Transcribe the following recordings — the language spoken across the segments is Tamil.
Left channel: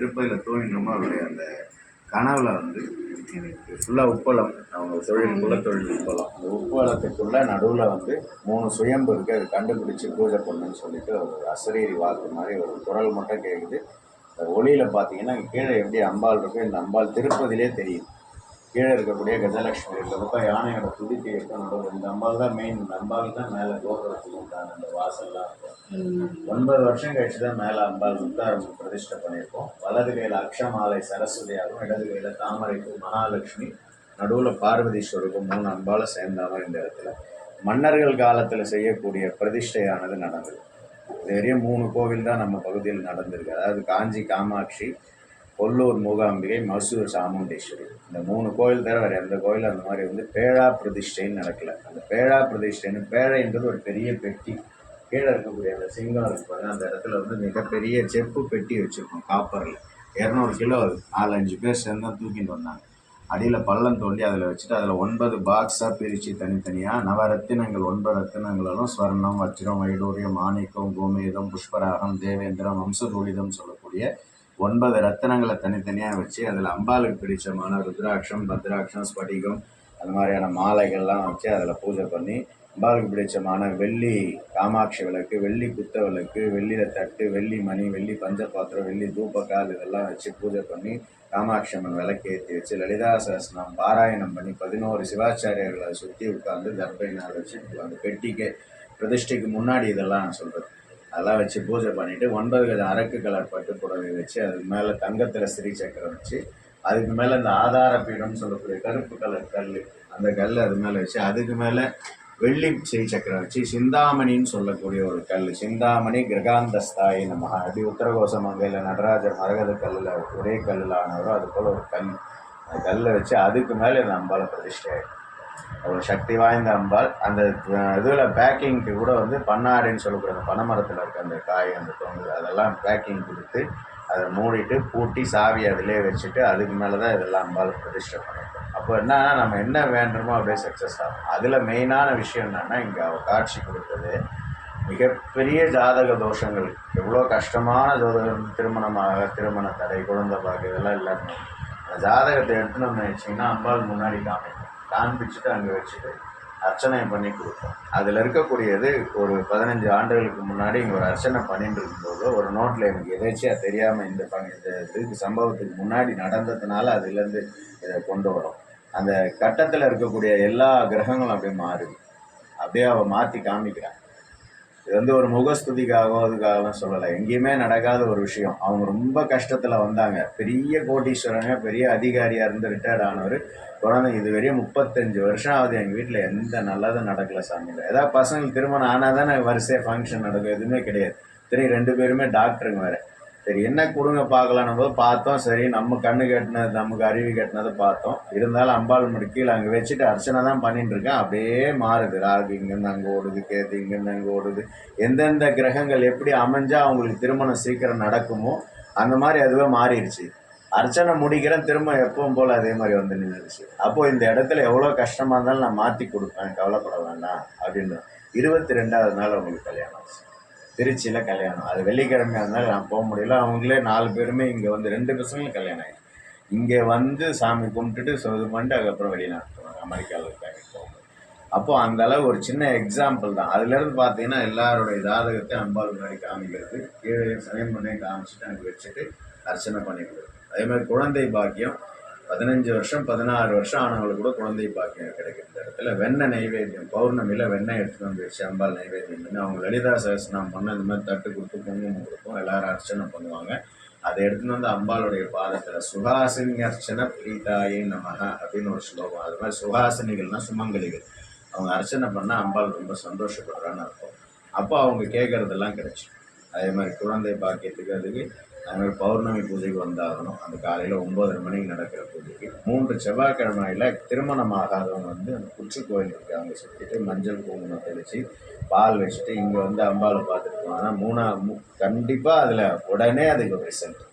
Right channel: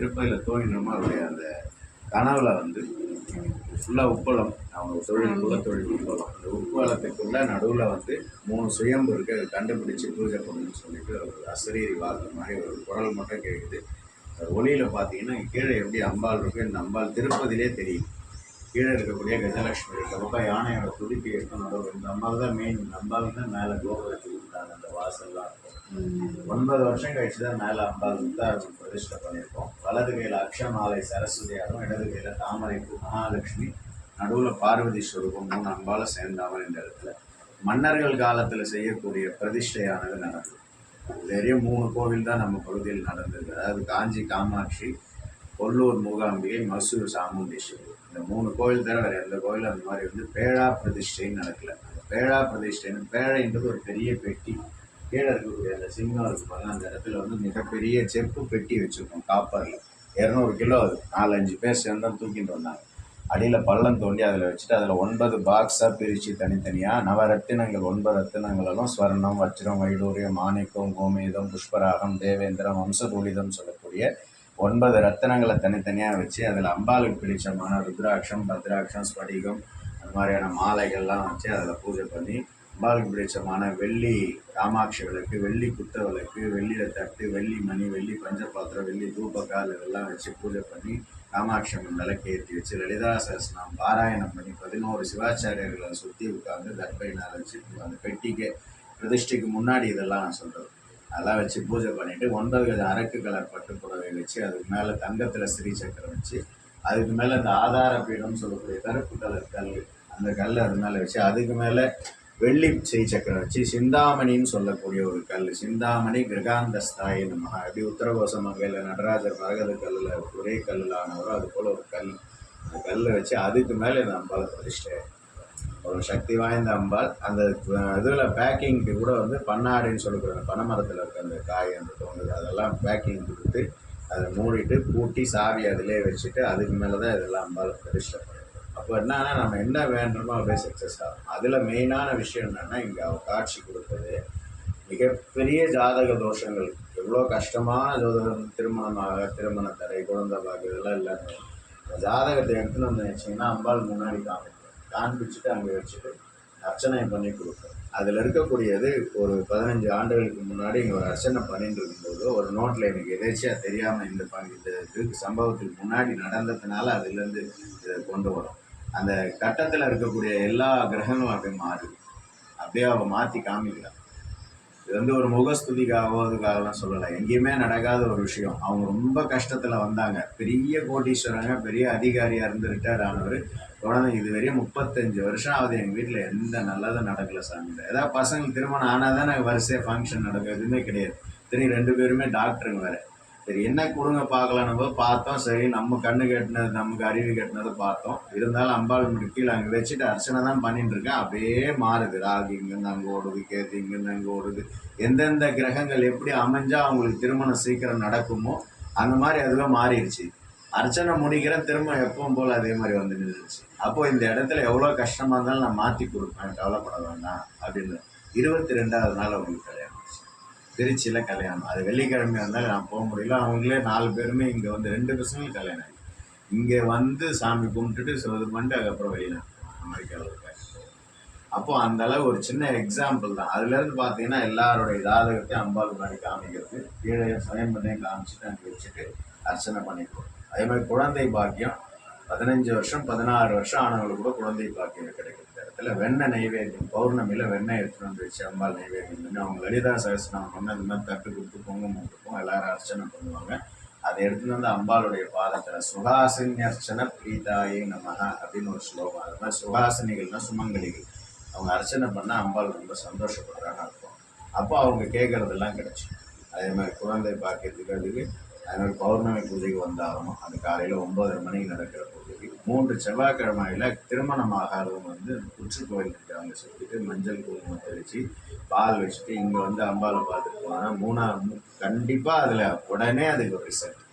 திருப்பதியில் தூங்கினோமோ அவருடைய அந்த கனவுல வந்து ஃபுல்லாக உப்பளம் அவங்க தொழில் குலத்தொழில் உப்பளம். அந்த உப்பளத்துக்குள்ள நடுவில் வந்து மூணு சுயம்பு இருக்குது அது கண்டுபிடிச்சி பூஜை பண்ணுன்னு சொல்லிட்டு ஒரு அசரீரி வாக்கு மாதிரி ஒரு குரல் மட்டும் கேட்குது அந்த ஒளியில் பார்த்தீங்கன்னா கீழே எப்படி அம்பாள் இருக்கு இந்த அம்பாள் திருப்பதியிலே தெரியும். கீழே இருக்கக்கூடிய கஜலட்சுமி பக்கம் யானையோட துதிக்கை இருக்கும் நடுவில் இந்த அம்பாள் தான் மெயின் இந்த தான் மேலே கோபுரத்துக்கு உண்டான அந்த வாசல்லாம் இருக்கும். ஒன்பது வருஷம் கழிச்சு தான் மேலே அம்பாள் வந்து பிரதிஷ்டை பண்ணியிருக்கோம். வலது கையில் அக்ஷமாலை சரஸ்வதியாகவும் இடது கையில் தாமரைப்பூ மகாலட்சுமி நடுவில் பார்வதி ஸ்வரூபம் மூணு அம்பால சேர்ந்தாமல் இந்த இடத்துல. மன்னர்கள் காலத்தில் செய்யக்கூடிய பிரதிஷ்டையானது நடந்தது. இது வரையும் மூணு கோவில் தான் நம்ம பகுதியில் நடந்திருக்கு. அதாவது காஞ்சி காமாட்சி கொல்லூர் மூகாம்பிகை மசூர் சாமுண்டேஸ்வரி. இந்த மூணு கோயில் தவிர வேறு எந்த கோயில் அந்த மாதிரி வந்து பேழா பிரதிஷ்டைன்னு நடக்கல. அந்த பேழா பிரதிஷ்டைன்னு பேழைன்றது ஒரு பெரிய பெட்டி. கீழே இருக்கக்கூடிய அந்த சிங்கம் இருப்பாங்க அந்த இடத்துல வந்து மிகப்பெரிய செப்பு பெட்டி வச்சுருக்கோம் காப்பரில். இரநூறு கிலோ அது. நாலஞ்சு பேர் சேர்ந்து தான் தூக்கிட்டு வந்தாங்க. அடியில் பள்ளம் தோண்டி அதில் வச்சுட்டு அதில் ஒன்பது பாக்ஸாக பிரித்து தனித்தனியாக நவரத்தினங்கள் ஒன்பது ரத்தினங்களும் ஸ்வர்ணம் வஜ்ரம் வைடூரியம் மாணிக்கம் கோமேதம் புஷ்பராகம் தேவேந்திரம் வம்சதூலிதம் சொல்லக்கூடிய ஒன்பது ரத்தினங்களை தனித்தனியாக வச்சு அதில் அம்பாளுக்கு பிடிச்சமான ருத்ராட்சம் பத்ராட்சம் ஸ்படிகம் அந்த மாதிரியான மாலைகள்லாம் வச்சு அதில் பூஜை பண்ணி அம்பாளுக்கு பிடிச்சமான வெள்ளி காமாட்சி விளக்கு வெள்ளி குத்த விளக்கு வெள்ளியில் தட்டு வெள்ளி மணி வெள்ளி பஞ்சபாத்திரம் வெள்ளி தூப்பக்கால் இதெல்லாம் வச்சு பூஜை பண்ணி காமாட்சி அம்மன் விளக்கு ஏற்றி வச்சு லலிதா சஹஸ்ரம் பாராயணம் பண்ணி பதினோரு சிவாச்சாரியர்களை சுற்றி உட்காந்து தர்பைனால் வச்சு அந்த பெட்டிக்கு பிரதிஷ்டைக்கு முன்னாடி இதெல்லாம் நான் சொல்கிறது அதெல்லாம் வச்சு பூஜை பண்ணிவிட்டு ஒன்பது வித அரக்கு கலர் பட்டு புடவை வச்சு அதுக்கு மேலே தங்கத்தில் ஸ்ரீ சக்கரம் வச்சு அதுக்கு மேலே இந்த ஆதார பீடம்னு சொல்லக்கூடிய கருப்பு கலர் கல் அந்த கல் அது மேலே வச்சு அதுக்கு மேலே வெள்ளி ஸ்ரீ சக்கரம் வச்சு சிந்தாமணின்னு சொல்லக்கூடிய ஒரு கல் சிந்தாமணி கிரகாந்தஸ்தாயி நமஹ. அப்படி உத்தரகோச மங்கையில் நடராஜர் மரகத கல்லில் ஒரே கல்லில் ஆனவரோ அது போல் ஒரு கல். அந்த கல்லை வச்சு அதுக்கு மேலே இந்த அம்பாளை பிரதிஷ்டை. அவ்வளோ சக்தி வாய்ந்த அம்பாள். அந்த இதில் பேக்கிங்க்கு கூட வந்து பண்ணாடின்னு சொல்லக்கூடிய அந்த பனைமரத்தில் இருக்க அந்த காய் அந்த தொங்கு அதெல்லாம் பேக்கிங் கொடுத்து அதை மூடிட்டு பூட்டி சாவி அதிலே வச்சுட்டு அதுக்கு மேலே தான் இதெல்லாம் அம்பாள் பிரதிஷ்டை பண்ணிருக்கோம். அப்போ என்னன்னா நம்ம என்ன வேண்டுமோ அப்படியே சக்ஸஸ் ஆகும். அதில் மெயினான விஷயம் என்னென்னா இங்கே அவள் காட்சி கொடுத்தது மிகப்பெரிய ஜாதக தோஷங்கள். எவ்வளோ கஷ்டமான ஜோதகம் திருமணமாக திருமண தடை குழந்தை பாக்கு இதெல்லாம் இல்லாமல் ஜாதகத்தை எடுத்துன்னு வந்து வச்சிங்கன்னா அம்பாள் முன்னாடி காமிக்கும். காண்பிச்சுட்டு அங்கே வச்சுட்டு அர்ச்சனை பண்ணி கொடுப்போம் அதில் இருக்கக்கூடியது ஒரு பதினஞ்சு ஆண்டுகளுக்கு முன்னாடி இங்கே ஒரு அர்ச்சனை பண்ணிட்டு இருக்கும்போது ஒரு நோட்டில் எனக்கு எதேச்சியாக தெரியாமல் இந்த பண்ணி இந்த இதுக்கு சம்பவத்துக்கு முன்னாடி நடந்ததுனால அதுலேருந்து இதை கொண்டு வரும். அந்த கட்டத்தில் இருக்கக்கூடிய எல்லா கிரகங்களும் அப்படியே மாறுது. அப்படியே அவள் மாற்றி காமிக்கிறான் இது வந்து ஒரு முகஸ்துதிக்காகவோ அதுக்காகவும் சொல்லலை. எங்கேயுமே நடக்காத ஒரு விஷயம். அவங்க ரொம்ப கஷ்டத்தில் வந்தாங்க. பெரிய கோட்டீஸ்வரங்க பெரிய அதிகாரியாக இருந்து ரிட்டையர்ட் ஆனவர். குழந்தை இது வரையும் முப்பத்தஞ்சு வருஷம் ஆகுது எங்கள் வீட்டில் எந்த நல்லதும் நடக்கல சாமியில் ஏதாவது பசங்களுக்கு திருமணம் ஆனால் தானே வரிசையாக ஃபங்க்ஷன் நடக்கும். எதுவுமே கிடையாது. திரும்பி ரெண்டு பேருமே டாக்டருங்க வேறு. சரி என்ன கொடுங்க பார்க்கலான்னு போது பார்த்தோம் சரி நம்ம கண்ணு கட்டினது நமக்கு அறிவு கட்டினதை பார்த்தோம். இருந்தாலும் அம்பாள் முடி கீழே அங்கே வச்சுட்டு அர்ச்சனை தான் பண்ணிட்டு இருக்கேன் அப்படியே மாறுது. ராகு இங்கேருந்து அங்கே ஓடுது கேது இங்கேருந்து அங்கே ஓடுது. எந்தெந்த கிரகங்கள் எப்படி அமைஞ்சால் அவங்களுக்கு திருமணம் சீக்கிரம் நடக்குமோ அந்த மாதிரி அதுவே மாறிடுச்சு. அர்ச்சனை முடிக்கிறேன் திரும்ப எப்பவும் போல் அதே மாதிரி வந்து நின்றுச்சு அப்போது இந்த இடத்துல எவ்வளோ கஷ்டமாக இருந்தாலும் நான் மாற்றி கொடுப்பேன் கவலைப்பட வேண்டாம் அப்படின்னு. இருபத்தி ரெண்டாவது நாள் அவங்களுக்கு கல்யாணம் ஆச்சு. திருச்சியில் கல்யாணம். அது வெள்ளிக்கிழமை அதனால் நான் போக முடியல. அவங்களே நாலு பேருமே இங்கே வந்து ரெண்டு பசங்களும் கல்யாணம் ஆகி. இங்கே வந்து சாமி கும்பிட்டுட்டு இது பண்ணிட்டு அதுக்கப்புறம் வெளிநாட்டு அமெரிக்காவில் இருக்காங்க அப்போது அந்த அளவு ஒரு சின்ன எக்ஸாம்பிள் தான். அதுலேருந்து பார்த்தீங்கன்னா எல்லாருடைய ஜாதகத்தை அம்பாள் முன்னாடி காமிக்கிறது கீழே சமயம் பண்ணி காமிச்சிட்டு அங்கே வச்சுட்டு அர்ச்சனை பண்ணி கொடுக்கும். அதே மாதிரி குழந்தை பாக்கியம் பதினஞ்சு வருஷம் பதினாறு வருஷம் ஆனவங்களுக்கு கூட குழந்தை பாக்கியம் கிடைக்கிற இடத்துல வெண்ணெய் நைவேத்தியம் பௌர்ணமியில் வெண்ணெய் எடுத்துகிட்டு வந்துச்சு அம்பாள் நைவேத்தியம் பண்ணி அவங்க லலிதா சகஸ்நாமம் பண்ண இந்த மாதிரி தட்டு கொடுத்து குங்குமம் கொடுப்போம் எல்லாரும் அர்ச்சனை பண்ணுவாங்க. அதை எடுத்துன்னு வந்து அம்பாளுடைய பாதத்தில் சுகாசினி அர்ச்சனை பிரீதாயே நமக அப்படின்னு ஒரு ஸ்லோகம். அது மாதிரி சுகாசினிகள்னா சுமங்கலிகள். அவங்க அர்ச்சனை பண்ணால் அம்பாள் ரொம்ப சந்தோஷப்படுறான்னு அர்த்தம். அப்போ அவங்க கேட்குறதெல்லாம் கிடைச்சிடும். அதே மாதிரி குழந்தை பாக்கியத்துக்கு அதுக்கு அதனால் பௌர்ணமி பூஜைக்கு வந்தாகணும். அந்த காலையில் ஒம்பதரை மணிக்கு நடக்கிற பூஜைக்கு. மூன்று செவ்வாய்க்கிழமையில் திருமணம் ஆகாதவங்க வந்து அந்த கோயில் இருக்குது அங்கே சுற்றிட்டு மஞ்சள் குங்குமம் தெளித்து பால் வச்சுட்டு இங்கே வந்து அம்பாவை பார்த்துட்டு போனால் மூணா மூ கண்டிப்பாக அதில் உடனே அதுக்கு ஒரு ரிசல்ட்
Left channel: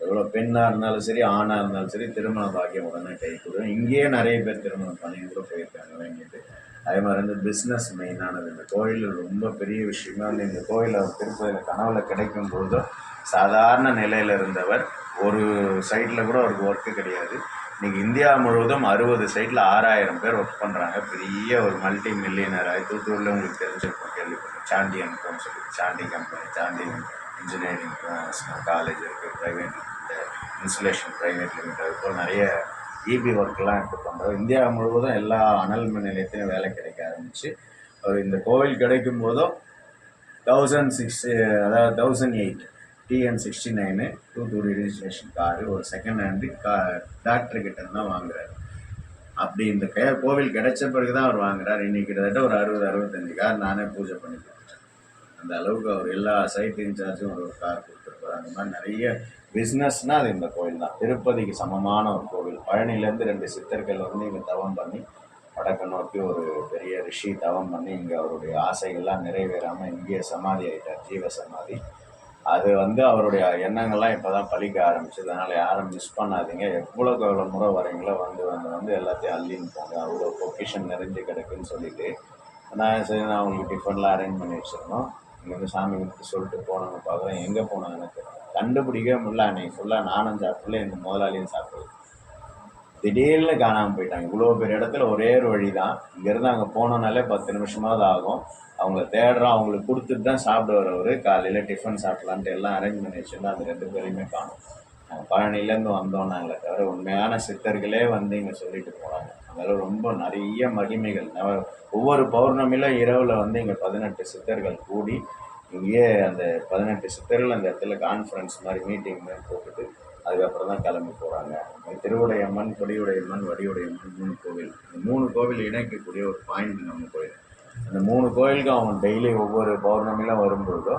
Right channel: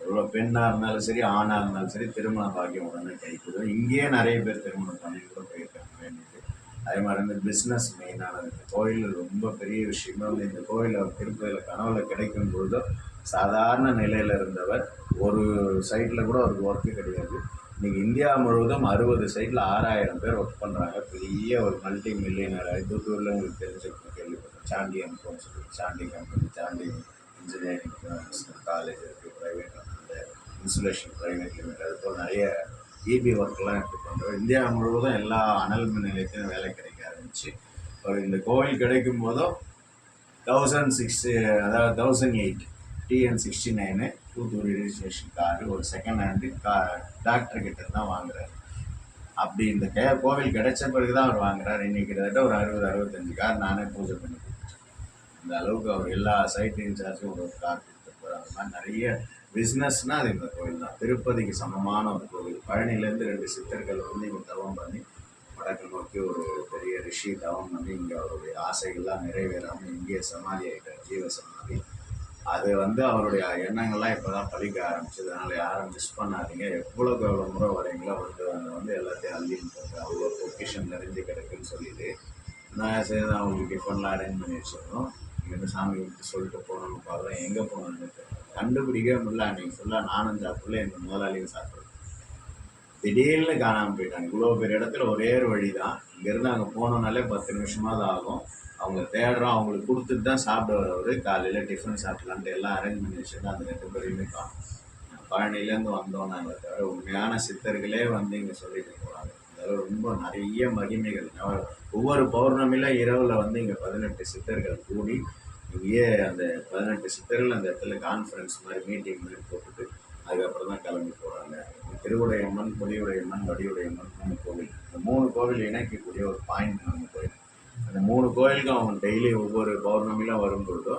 எவ்வளோ பெண்ணாக இருந்தாலும் சரி ஆணாக இருந்தாலும் சரி திருமண பாக்கியம் உடனே கை கொடுக்கும் இங்கேயே நிறைய பேர் திருமணம் பண்ணி கூட போயிருக்காங்க வேண்டியது. அதே மாதிரி வந்து பிஸ்னஸ் மெயினானது இந்த கோயில் ரொம்ப பெரிய விஷயமே வந்து இந்த கோயிலில் திருப்பதியில் கனவுல கிடைக்கும் போதும் சாதாரண நிலையில் இருந்தவர் ஒரு சைட்டில் கூட அவருக்கு ஒர்க்கு கிடையாது. இன்றைக்கி இந்தியா முழுவதும் அறுபது சைட்டில் ஆறாயிரம் பேர் ஒர்க் பண்ணுறாங்க பெரிய ஒரு மல்டி மில்லியனர் தூத்துக்குடியில் உங்களுக்கு தெரிஞ்சிருக்கும் கேள்விப்பட்டேன் சாண்டியன் சொல்லி Sandy company Sandy engineering college இருக்குது ப்ரைவேட் இந்த இன்சுலேஷன் ப்ரைவேட் லிமிடெட் அது போல் நிறைய ஈபி ஒர்க்கெலாம் இப்போ பண்ணுறோம் இந்தியா முழுவதும் எல்லா அனல் மின் நிலையத்திலும் வேலை கிடைக்க ஆரம்பிச்சு அவர் இந்த கோவில் கிடைக்கும் போதும் தௌசண்ட் சிக்ஸ் அதாவது thousand eight TN sixty nine Thoothukudi registration car ஒரு செகண்ட் ஹேண்டு கா டாக்டர் தான் வாங்குறாரு. அப்படி இந்த கே கோவில் கிடைச்ச பிறகு தான் அவர் வாங்குறாரு. இன்றைக்கி கிட்டத்தட்ட ஒரு அறுபது அறுபத்தஞ்சு கார் நானே பூஜை பண்ணி கொடுத்துட்டேன் அந்த அளவுக்கு அவர் எல்லா சைட் இன்சார்ஜும் ஒரு ஒரு கார் கொடுத்துருப்பார். அந்த மாதிரி நிறைய பிஸ்னஸ்னால் அது இந்த கோயில் தான். திருப்பதிக்கு சமமான ஒரு கோவில். பழனிலேருந்து ரெண்டு சித்தர்கள் வந்து இங்கே தவம் பண்ணி வடக்கு நோக்கி ஒரு பெரிய ரிஷி தவம் பண்ணி இங்கே அவருடைய ஆசைகள்லாம் நிறைவேறாமல் இங்கேயே சமாதி ஆகிட்டார் ஜீவ சமாதி. அது வந்து அவருடைய எண்ணங்கள்லாம் இப்போ தான் பழிக்க ஆரம்பிச்சது. அதனால் யாரும் மிஸ் பண்ணாதீங்க. எவ்வளோக்கு எவ்வளோ முறை வரீங்களோ வந்து வந்து வந்து எல்லாத்தையும் அள்ளின்னு போங்க. அவ்வளோ பொக்கிஷன் நிறைஞ்சு கிடக்குன்னு சொல்லிட்டு. நான் சரி நான் உங்களுக்கு டிஃபன்லாம் அரேஞ்ச் பண்ணி வச்சுருந்தோம் இங்கேருந்து சாமி கும்பிட்டு சொல்லிட்டு போனவங்க பார்க்குறேன் எங்கே போனாங்கன்னு எனக்கு கண்டுபிடிக்கவே முடியல. அன்னைக்கு ஃபுல்லாக நானும் சாப்பிடல எங்கள் முதலாளியும் சாப்பிடல. திடீர்னு காணாமல் போயிட்டாங்க. இவ்வளோ பெரிய இடத்துல ஒரே ஒரு வழி தான் இங்கேருந்து அங்கே போனோம்னாலே பத்து நிமிஷமாவது ஆகும். அவங்கள தேடுறோம். அவங்களுக்கு கொடுத்துட்டு தான் சாப்பிட வரவர் காலையில் டிஃபன் சாப்பிட்லான்ட்டு எல்லாம் அரேஞ்ச் பண்ணி வச்சுருந்தா அந்த ரெண்டு பேரையுமே காணும். நாங்கள் பழனிலேருந்து வந்தோம் நாங்களே தவிர உண்மையான சித்தர்களே வந்து இங்கே சொல்லிட்டு போனாங்க. அதெல்லாம் ரொம்ப நிறைய மகிமைகள். ஒவ்வொரு பௌர்ணமியில இரவில் வந்து இங்கே பதினெட்டு சித்தர்கள் கூடி இங்கேயே அந்த பதினெட்டு சித்தரில் அந்த இடத்துல கான்ஃபரன்ஸ் மாதிரி மீட்டிங் மாதிரி போட்டுட்டு அதுக்கப்புறம் தான் கிளம்பி போகிறாங்க திருவுடையம்மன் கொடியுடையம்மன் வடிவுடையம்மன் மூணு கோவில். இந்த மூணு கோவில் இணைக்கக்கூடிய ஒரு பாயிண்ட் நம்ம கோயில் அந்த மூணு கோயிலுக்கும் அவங்க டெய்லி ஒவ்வொரு பௌர்ணமிலாம் வரும்பொழுதோ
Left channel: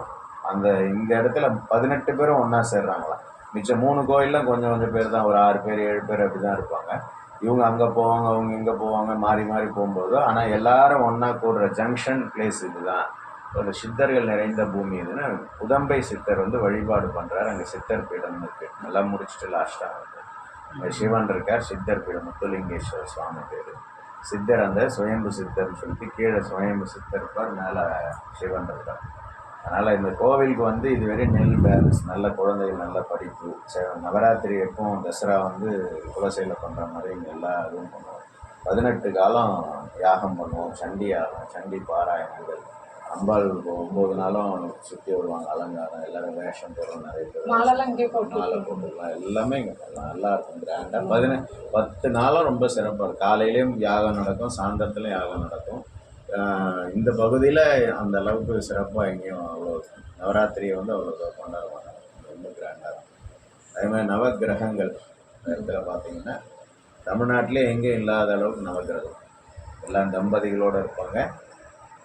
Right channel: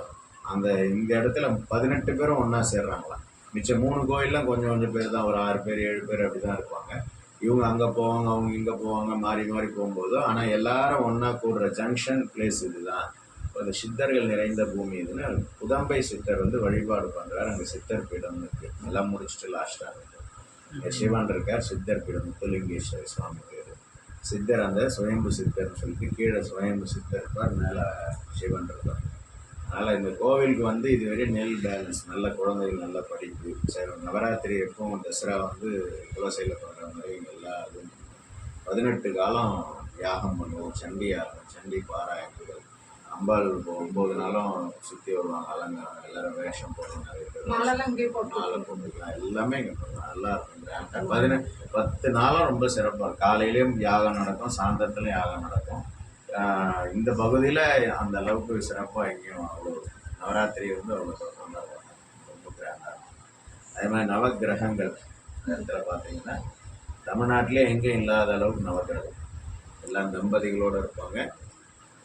அந்த இந்த இடத்துல பதினெட்டு பேரும் ஒன்றா சேர்றாங்களாம். மிச்சம் மூணு கோயிலும் கொஞ்சம் கொஞ்சம் பேர் தான் ஒரு ஆறு பேர் ஏழு பேர் அப்படி தான் இருப்பாங்க. இவங்க அங்கே போவாங்க அவங்க இங்கே போவாங்க மாறி மாறி போகும்போதோ ஆனால் எல்லாரும் ஒன்றா கூடுற ஜங்ஷன் பிளேஸ் இதுதான். ஒரு சித்தர்கள் நிறைந்த பூமி இதுன்னு புதம்பை சித்தர் வந்து வழிபாடு பண்ணுறாரு அங்கே சித்தர் பீடம் இருக்குது நல்லா முடிச்சுட்டு லாஸ்ட்டாக சிவன் இருக்கார் சித்தர் பீடம் முத்துலிங்கேஸ்வர சுவாமி பேர். சித்தர் அந்த சுயம்பு சித்தர்னு சொல்லிட்டு கீழே சுயம்பு சித்தர் இருப்பார் மேலே சிவன் இருக்கார் அதனால் இந்த கோவிலுக்கு வந்து இதுவரை நெல் பேலன்ஸ் நல்ல குழந்தைகள் நல்ல படிப்பு நவராத்திரி எப்பவும் தசரா வந்து குலசையில் பண்ணுற மாதிரி இங்கே எல்லா இதுவும் பண்ணுவோம் பதினெட்டு காலம் யாகம் பண்ணுவோம் சண்டி யாகம் சண்டி பாராயணங்கள். அம்பாள் ஒம்பது நாளும் சுற்றி வருவாங்க அலங்காரம் எல்லாரும் வேஷம் போடுறோம் நிறைய பேர். மாலை போட்டுக்கலாம் எல்லாமே இங்கே பண்ணலாம். நல்லா இருக்கும் கிராண்டாக பதின பத்து நாளும் ரொம்ப சிறப்பாக இருக்கும். காலையிலையும் யாகம் நடக்கும் சாயந்தரத்துலையும் யாகம் நடக்கும். இந்த பகுதியில் அந்த அளவுக்கு சிறப்பாக எங்கேயும் அவ்வளோ நவராத்திரியை வந்து அவ்வளோ கொண்டாடுவாங்க. ரொம்ப கிராண்டாக இருக்கும். அதே மாதிரி நவக்கிரகங்கள் இந்த இடத்துல பார்த்தீங்கன்னா தமிழ்நாட்டிலே எங்கேயும் இல்லாத அளவுக்கு நவக்கிரகம். எல்லாம் தம்பதிகளோடு இருப்பாங்க.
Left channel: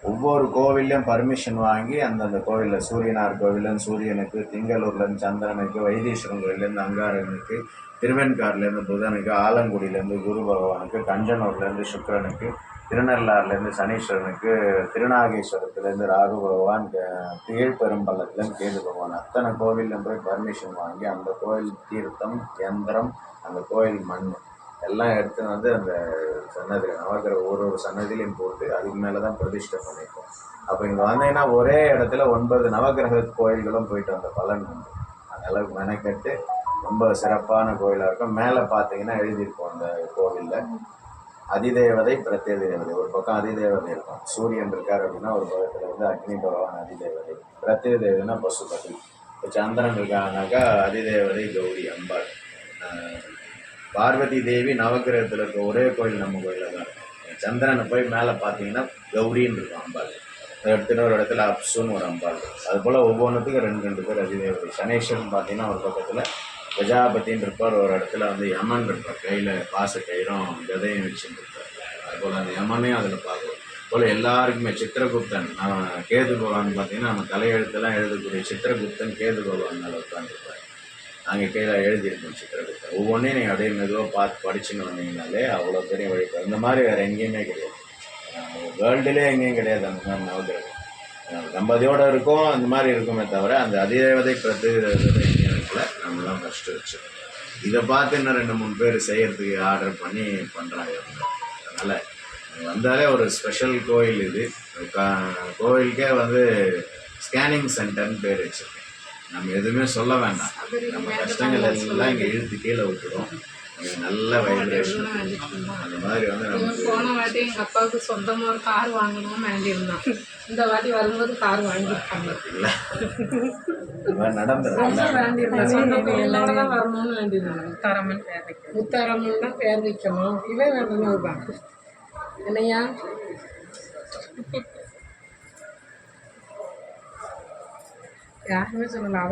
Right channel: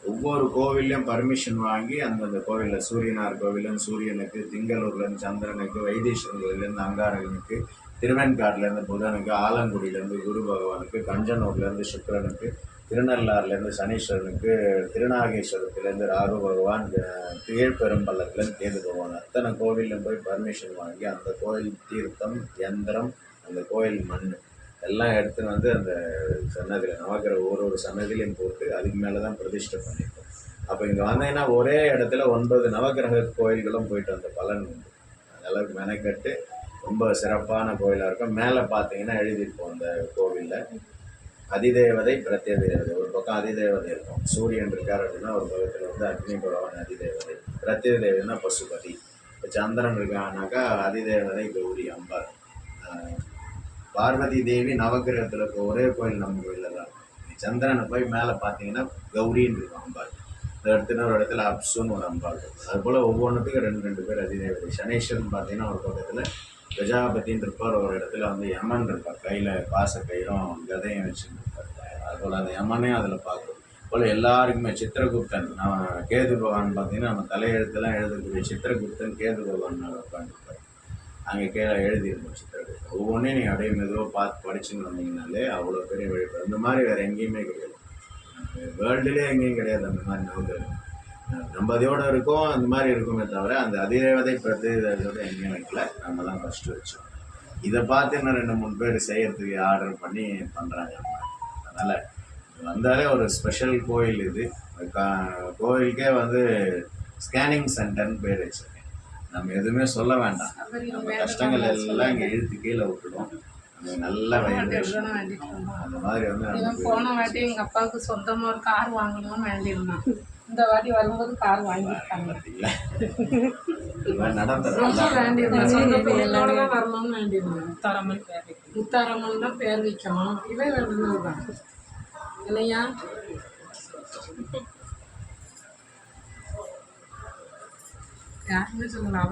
ஒவ்வொரு கோவில்லையும் பர்மிஷன் வாங்கி அந்தந்த கோவிலில் சூரியனார் கோவிலும் சூரியனுக்கு திங்களூர்லேருந்து சந்திரனுக்கு வைத்தீஸ்வரன் கோவிலேருந்து அங்காரனுக்கு திருவெண்காடுலேருந்து புதனுக்கு ஆலங்குடியிலேருந்து குரு பகவானுக்கு கஞ்சனூர்லேருந்து சுக்கரனுக்கு திருநள்ளாறுலேருந்து சனீஸ்வரனுக்கு திருநாகேஸ்வரத்துலேருந்து ராகு பகவான் க- கீழ்பெரும்பள்ளத்துலேருந்து கேது பகவான். அத்தனை கோவில்லையும் போய் பர்மிஷன் வாங்கி அந்த கோவில் தீர்த்தம் யந்திரம் அந்த கோயில் மண் எல்லாம் எடுத்துன்னு வந்து அந்த சன்னதியில் நவக்கிற ஒரு ஒரு சன்னதியிலையும் போட்டு அதுக்கு மேலே தான் பிரதிஷ்டை பண்ணியிருக்கோம் அப்போ இங்கே வந்தீங்கன்னா ஒரே இடத்துல ஒன்பது நவக்கிரக கோயில்களும் போயிட்டு வந்த பலன் உண்டு. அந்த அளவுக்கு மெனக்கட்டு ரொம்ப சிறப்பான கோயிலாக இருக்கும். மேலே பார்த்தீங்கன்னா எழுதியிருக்கும் அந்த கோவிலில். அதிதேவதை பிரத்ய தேவதை ஒரு பக்கம் அதிதேவதை இருக்கும். சூரியன் இருக்கார் அப்படின்னா ஒரு பக்கத்தில் வந்து அக்னி பகவான் அதிதேவதை. பிரத்ய தேவதைனா பசுபதி. இப்போ சந்திரன் இருக்காங்கனாக்கா அதிதேவதை கௌரி அம்பாள் பார்வதி தேவி நவக்கிரகத்தில் இருக்க ஒரே கோயில் நம்ம கோயிலில் தான் இருக்கும். சந்திரனை போய் மேலே பார்த்தீங்கன்னா கௌரின்னு இருக்கும் அம்பாள். எடுத்துகிட்டு ஒரு இடத்துல அப்சுன்னு ஒரு அம்பாள் அது போல் ஒவ்வொன்றுத்துக்கும் ரெண்டு ரெண்டு பேர் அதிதேவதை சனேஸ்வரன் பார்த்தீங்கன்னா ஒரு பக்கத்தில் கஜாபதின்னு இருப்பார் ஒரு இடத்துல வந்து யமன் இருப்பார். கையில் பாச கயிறும் விதையும் வச்சுட்டு இருப்பார் அதுபோல் அந்த யமனையும் அதில் பார்க்கும். போல் எல்லாருக்குமே சித்திரகுப்தன் கேது பகவான் பார்த்தீங்கன்னா நம்ம தலையெழுத்தெல்லாம் எழுதக்கூடிய சித்திரகுப்தன் கேது பகவான் மேலே உட்காந்துருப்பார் அங்கே கீழே எழுதியிருக்கோம் சித்திரகுப்தன் ஒவ்வொன்றையும் நீங்கள் அப்படியே மெதுவாக பார்த்து படிச்சுன்னு வந்தீங்கனாலே அவ்வளோ பெரிய வழிபாடு இந்த மாதிரி வேறு எங்கேயுமே கிடையாது. வேர்ல்டுலேயே எங்கேயும் கிடையாது அந்த மாதிரி நவகிரகம் தம்பதியோடு இருக்கும் அந்த மாதிரி இருக்குமே தவிர அந்த அதிதேவதை பிரதிதேவதை எங்கேயும் இருக்கல நம்ம தான் ஃபஸ்ட்டு வச்சோம் இதை பார்த்து இன்னும் ரெண்டு மூணு பேர் செய்கிறதுக்கு ஆர்டர் பண்ணி பண்ணுறாங்க அதனால் வந்தாலே ஒரு ஸ்பெஷல் கோயில் இது. கா- கோயிலுக்கே வந்து ஸ்கேனிங் சென்டர்னு பேர் வச்சுருக்கேன் நம்ம எதுவுமே சொல்ல வேண்டாம். நம்ம கஷ்டங்கள் எல்லாம் இங்கே இழுத்து கீழே விட்டுடும் நல்ல வைப்ரேஷன் அந்த மாதிரி வந்து போன வாட்டி எங்கள் அப்பாவுக்கு சொந்தமாக ஒரு கார் வாங்கணும்னு வேண்டியிருந்தான். இந்த வாட்டி வரும்போது கார் வாங்கியிருக்காங்க. பார்த்தீங்களா இந்த மாதிரி நடந்துடும் ரொம்ப வேண்டியிருந்தான் சொந்த பிள்ளைகளோட தான் வரணும்னு வேண்டியிருந்தாங்க. முத்தாரம்மன் பேர் வைக்கிறது முத்தாரம்மன் தான் பேர் வைக்கணும். இவன் வேண்டுனது தான் இல்லையா யாருமே சொல்லலாம் அவள்